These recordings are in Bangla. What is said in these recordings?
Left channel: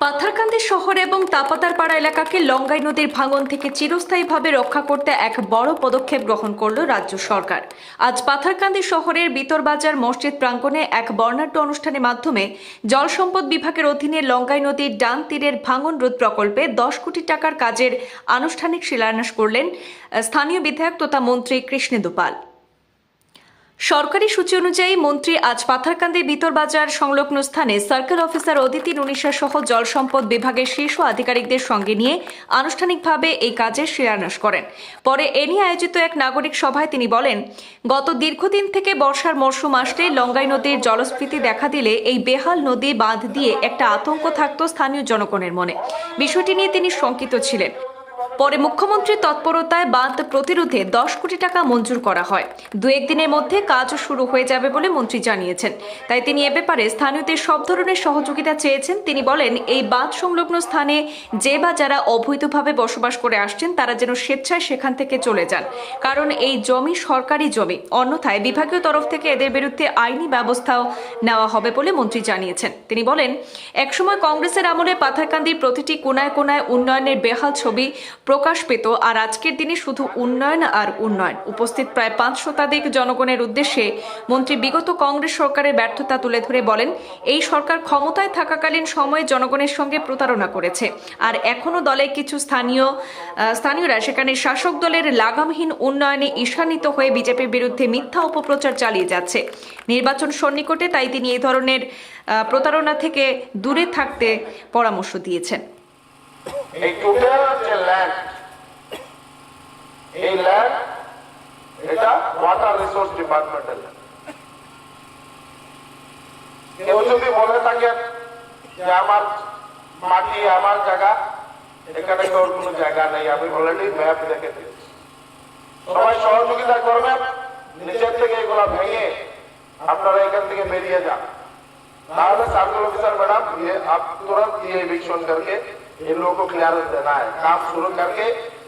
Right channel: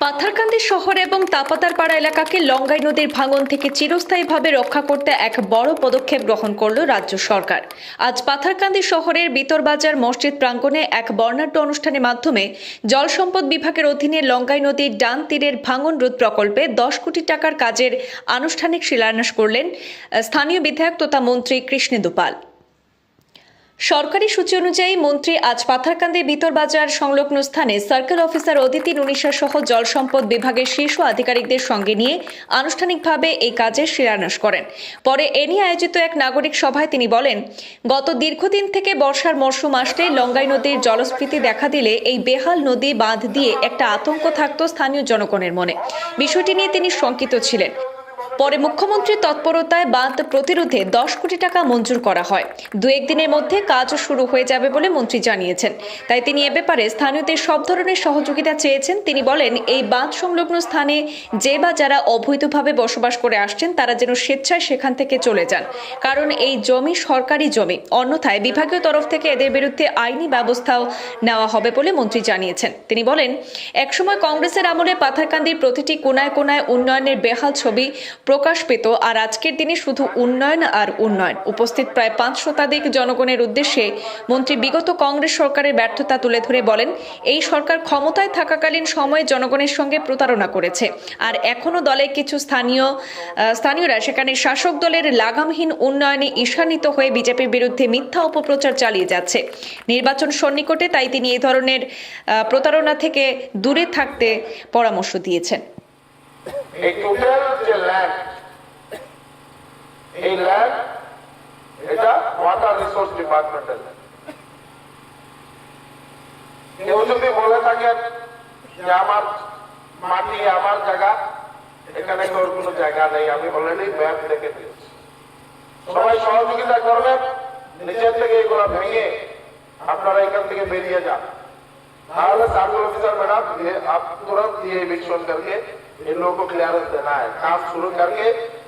পাথারকান্দি শহর এবং তাপাতারপাড়া এলাকাকে লঙ্গাই নদীর ভাঙন থেকে চিরস্থায়ীভাবে রক্ষা করতে এক বড় পদক্ষেপ গ্রহণ করল রাজ্য সরকার। আজ পাথারকান্দি শহরের বিতরবাজার মসজিদ প্রাঙ্গণে এক বর্ণাঢ্য অনুষ্ঠানের মাধ্যমে জল সম্পদ বিভাগের অধীনে লঙ্গাই নদীর ডান তীরের ভাঙন রোধ প্রকল্পে 10 কোটি টাকার কাজের আনুষ্ঠানিক শিলান্যাস করলেন স্থানীয় বিধায়ক তথা মন্ত্রী কৃষ্ণেন্দু পাল। সরকারি সূচি অনুযায়ী মন্ত্রী আজ পাথারকান্দির বিতরবাজার সংলগ্ন স্থানে সার্কেল অফিসার অদিতি নুনিশা সহ জল সম্পদ বিভাগের শীর্ষ আধিকারিকদের সঙ্গে নিয়ে আনুষ্ঠানিকভাবে এই কাজের শিলান্যাস করেন। পরে এ নিয়ে আয়োজিত এক নাগরিক সভায় তিনি বলেন, গত দীর্ঘদিন থেকে বর্ষার মরশুম আসলে লঙ্গাই নদীর জলস্ফীতি দেখা দিলে এই বেহাল নদী বাঁধ দিয়ে একটা আতঙ্ক থাকত স্থানীয় জনগণের মনে। বিষয়টি নিয়ে তিনি শঙ্কিত ছিলেন। পরে মুখ্যমন্ত্রীর তৎপরতায় বাঁধ প্রতিরোধে 10 কোটি টাকা মঞ্জুর করা হয়। দু একদিনের মধ্যে কাজ শুরু হয়ে যাবে বলে মন্ত্রী জানিয়েছেন। তাই তিনি এ ব্যাপারে স্থানীয়দের সব ধরনের সহযোগিতা চেয়েছেন। তিনি বলেন, এই বাঁধ সংলগ্ন স্থানে যে বা যারা অবৈধভাবে বসবাস করে আসছেন তারা যেন স্বেচ্ছায় সেখান থেকে চলে যান, কারণ এই জমি সরকারি জমি। অন্যথায় বিভাগীয় তরফ থেকে এদের বিরুদ্ধে আইনি ব্যবস্থাও নেওয়া হবে বলে মন্ত্রী জানিয়েছেন। তিনি বলেন, একসময় কংগ্রেসের আমলে পাথারকান্দির প্রতিটি কোনায় কোনায় উন্নয়নের বেহাল ছবি প্রকাশ পেত, আর আজকের দিনে শুধু উন্নয়ন আর উন্নয়ন। উপস্থিত প্রায় 5 শতাধিক জনগণের উদ্দেশ্যে মন্ত্রী বিগত কংগ্রেস সরকারের ব্যর্থতা তুলে ধরে বলেন, এই সরকার ক্ষমতায় থাকাকালীন সময়ে জনগণের সঙ্গে প্রতারণা করেছে, আর এখনো দলে কিছু স্থানীয়রা সেখানে শাসক দলের লাগামহীন উন্নয়নে ঈর্ষান্বিত হয়ে বিজেপির বিরুদ্ধে মিথ্যা অপপ্রচার চালিয়ে যাচ্ছে। নির্বাচন সন্নিকটে, তাই তিনি এই ধরনের প্রতারণা থেকে দূরে থাকতে পরামর্শ দিয়েছেন। এই টোটাল যে ল্যান্ড, এই ল্যান্ড এটা ওয়াটার রিসোর্স ডিপার্টমেন্টের। কেউ যদি বলে থাকেন যে আমার মাটি আমার জায়গা, এখানে কোনো জায়গা নেই, আমি অলরেডি ম্যাপ দেখে দিয়েছি। সবাই সহযোগিতা করবেন, নিচের থেকে এগুলো ভেঙে আপনারা এখান থেকে বেরিয়ে যান। তাহলে সার্কেল ऑफिसर मैडम आप तुरंत ये इविक्शन करके इन लोगों को क्लियरेंस देना है, काम शुरू करके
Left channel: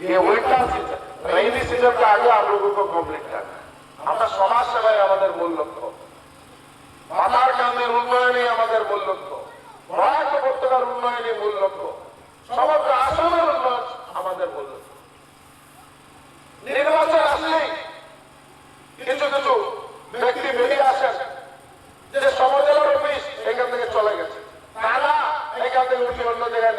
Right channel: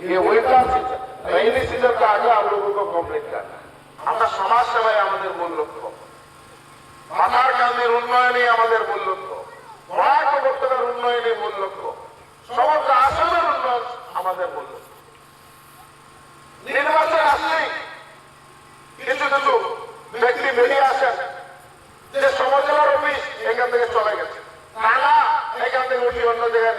ये विंटर सीजन, रेनी सीजन के आगे आप लोगों को कंप्लीट करना है। আমরা সমাজ সেবাই আমাদের মূল লক্ষ্য, পাথারকান্দির উন্নয়নই আমাদের মূল লক্ষ্য, প্রয়াগ উপত্যকার উন্নয়নই মূল লক্ষ্য, সমগ্র আসামের উন্নয়ন আমাদের মূল লক্ষ্য। নির্বাচন আসলেই কিছু কিছু ব্যক্তি বেরিয়ে আসেন যে সমাজের অফিস এখান থেকে চলে গেছে, তারা এখান থেকে অন্য জায়গায়